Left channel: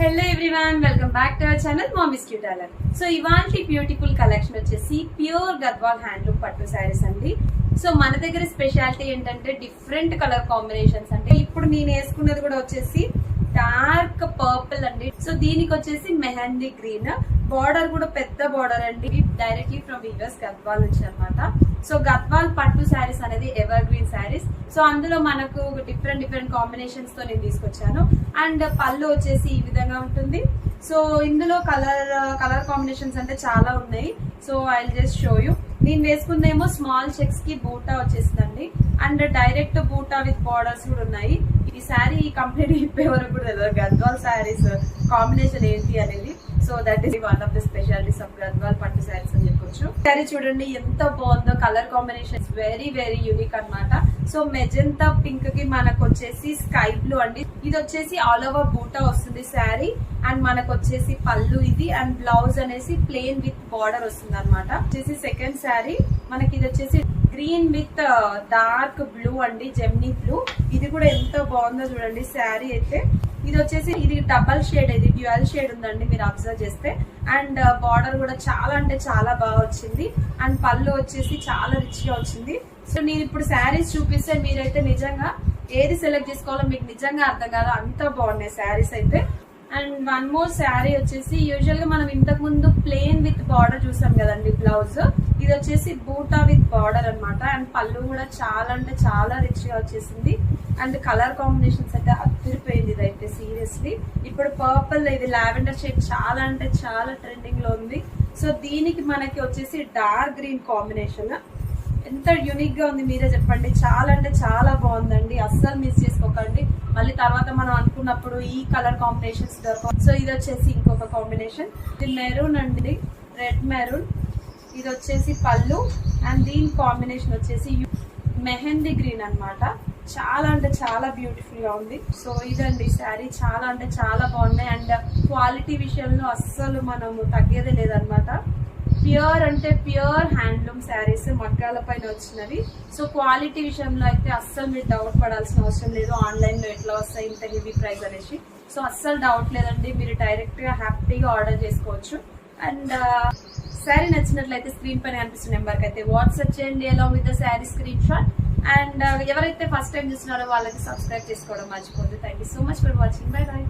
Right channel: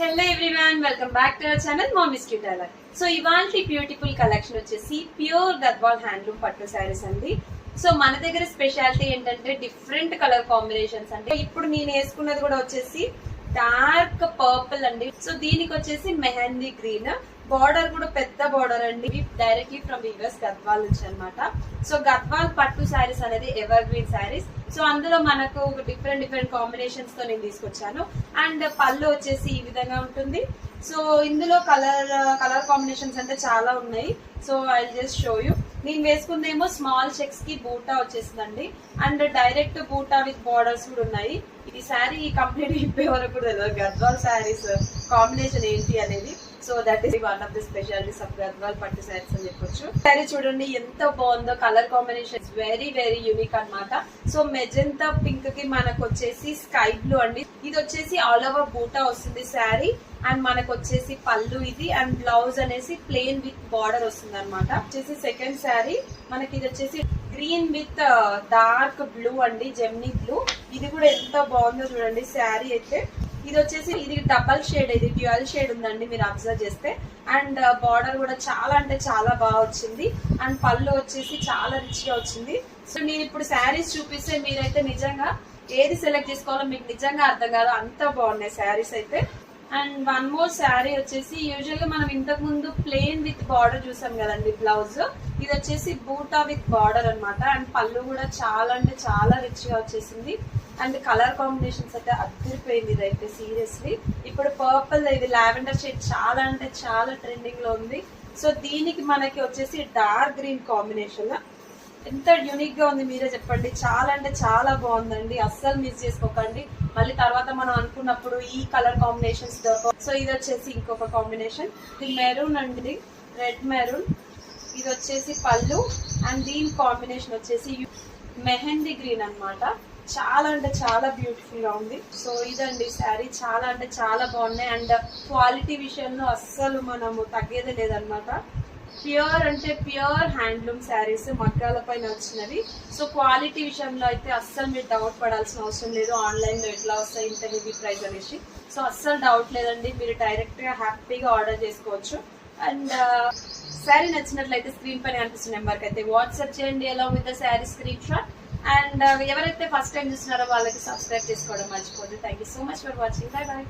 Hello everyone, welcome back to our channel mummy's cute tailor. So ఇవాల్టి beautiful collection వచ్చేసి pure Gadwal handloom పట్టు శారీస్ అండి. So మన దగ్గర స్పెషాలిటీ ఏంటంటే డిఫరెంట్ కలర్ కాంబినేషన్స్. అంటే ఇప్పుడు నేను వేసుకున్నది కూడా వచ్చేసి డార్క్ పర్పుల్ అండి. సో దీనికి వచ్చేసి మెహందీ గ్రీన్, బార్డర్ కూడా పెద్ద బార్డర్ అండి, డైరెక్ట్లీ ఫ్రమ్ యూఎస్ గద్వాల్ నుంచి అనమాట. సో గద్వాల్ పట్టు శారీస్ అనేది ఎవర్ గ్రీన్ శారీస్. సో అందులో మనకు డిఫరెంట్ కాంబినేషన్స్ తో నేను తీసుకొచ్చాను. అండ్ పళ్ళు వచ్చేసి ఈ విధంగా ఉంటుంది. సో ఇందులో కలర్ కాంబినేషన్స్ అంటే చాలా ఉన్నాయి. So I just show you. నేను వేసుకుందేమో స్మాల్ చెక్స్ కి బూటా వచ్చేసిందండి. అండ్ డైరెక్ట్ బూటా విత్ బార్డర్స్ కూడా ఉన్నాయి. ఈ శారీ కంప్లీట్ ఇప్పే వరకు కూడా తెలియదు గద్వాల్ శారీస్ కాంబినేషన్ ఏంటి అనేది. So that is one of the specialities of Gadwal పట్టు శారీస్ అని చెప్పొచ్చు. శారీ చూడండి ఎంత బాగుందో, కలర్ కాంబినేషన్ వెరీ యూనిక్ అన్నమాట. సో మెజెంతా పింక్ కి మనకు వచ్చేసి స్కై బ్లూ అండి. ఇది వచ్చేసి ఆల్ ఓవర్ బూటా వస్తుంది శారీ. అండ్ మనకు వచ్చేసి పళ్ళు ఇది, అండ్ బ్లౌజ్ అనేసి ప్లెయిన్ విత్ బార్డర్ వస్తుంది అనమాట. వచ్చేసి సెకండ్ శారీ మనకి ఇది వచ్చేసి గ్రీన్ విత్ డార్క్ బ్లూ అండి, జెమ్నీ బ్లూ. ఇది కూడా ఎంత బాగుందో చూడండి శారీ అయితే. ఇది వచ్చేసి ఇది డబల్ షేడ్, ఇది డ్యూయల్ షేడ్ ఉందండి మీరు అబ్జర్వ్ చేస్తే. అండ్ బార్డర్ కూడా చాలా అంటే చాలా బాగా వచ్చింది. అండ్ పళ్ళు వచ్చేసి చాలా రిచ్ గా వచ్చింది. సో నేను ఇప్పుడు శారీస్ చూపిస్తే మీరైతే నిజంగా ఏది సెలెక్ట్ చేసుకోవాలో మీకు నిజంగా అర్థం కాదు, అంత బాగున్నాయి శారీస్ అయితే. అండ్ వన్ మోర్ శారీ వచ్చేసి యూజువల్ గా మనం ఇంతకు ముందు ప్లెయిన్ విత్ బార్డర్ చూసాం కదండి బ్లౌజ్. ఇది వచ్చేసి బూటా విత్ బార్డర్ అనమాట. అండ్ పళ్ళు కూడా చాలా అంటే చాలా రిచ్ గా వచ్చేసింది. అండ్ కలర్ కాంబినేషన్స్ అయితే అదిరిపోయింది ఇదైతే సీరియస్లీ. ఇప్పుడు పర్పుల్, ఇది లావెండర్ షేడ్ చాలా అంటే చాలా ట్రెండింగ్ లో ఉంది. సో దీనికి మనకి వచ్చేసి డార్క్ గ్రీన్ కాంబినేషన్. ఎంత యూనిక్ గా ఉంది మీరే చెప్పండి. చాలా అంటే చాలా బాగుందండి, అస్సలు మిస్ చేసుకోకండి. మళ్ళీ తర్వాత మనం అనుకున్నప్పుడు ఈ కలర్ కాంబినేషన్స్ దొరకవు. సో ఇది వచ్చేసి ఇంకొక కాంబినేషన్, ఇది మెరూన్ అండి, రెడ్ మెరూన్. ఇది వచ్చేసి పళ్ళు. అండ్ దీని కాంబినేషన్ వచ్చేసి మెహందీ గ్రీన్ అన్నమాట. చాలా అంటే చాలా బ్యూటిఫుల్ గా ఉంది. సో ఇదండి శారీ, చాలా అంటే చాలా బాగున్నాయి. అండ్ క్వాలిటీ విషయంలో అస్సలు మనము తగ్గేదే లేదనమాట. ప్యూర్ అంటే ప్యూర్ హ్యాండ్లూమ్ శారీస్, మగ్గాల పైన వచ్చినవి. సో క్వాలిటీ విషయంలో అయితే అస్సలు మీరు డౌట్ పడాల్సిన అవసరం లేదు. ఆన్లైన్ లో ఎట్లా వస్తాయి ఇంత హెవీ ప్రైస్ అనేసి. సో అస్సలు డౌట్ లేదండి, మీరు డైరెక్ట్ గా హ్యాపీగా ఆర్డర్ చేసుకోవచ్చు. అండ్ శారీ నచ్చినట్లయితే స్క్రీన్ పైన కనిపిస్తున్న నెంబర్కి అయితే వాట్సాప్ చేయండి along with the sari screenshot. And ఎవరైతే ఫస్ట్ టైం చూస్తున్నారో వాళ్ళకి సబ్స్క్రైబ్ చేసుకోవడం మర్చిపోద్దు. Thank you so much for watching. Bye bye.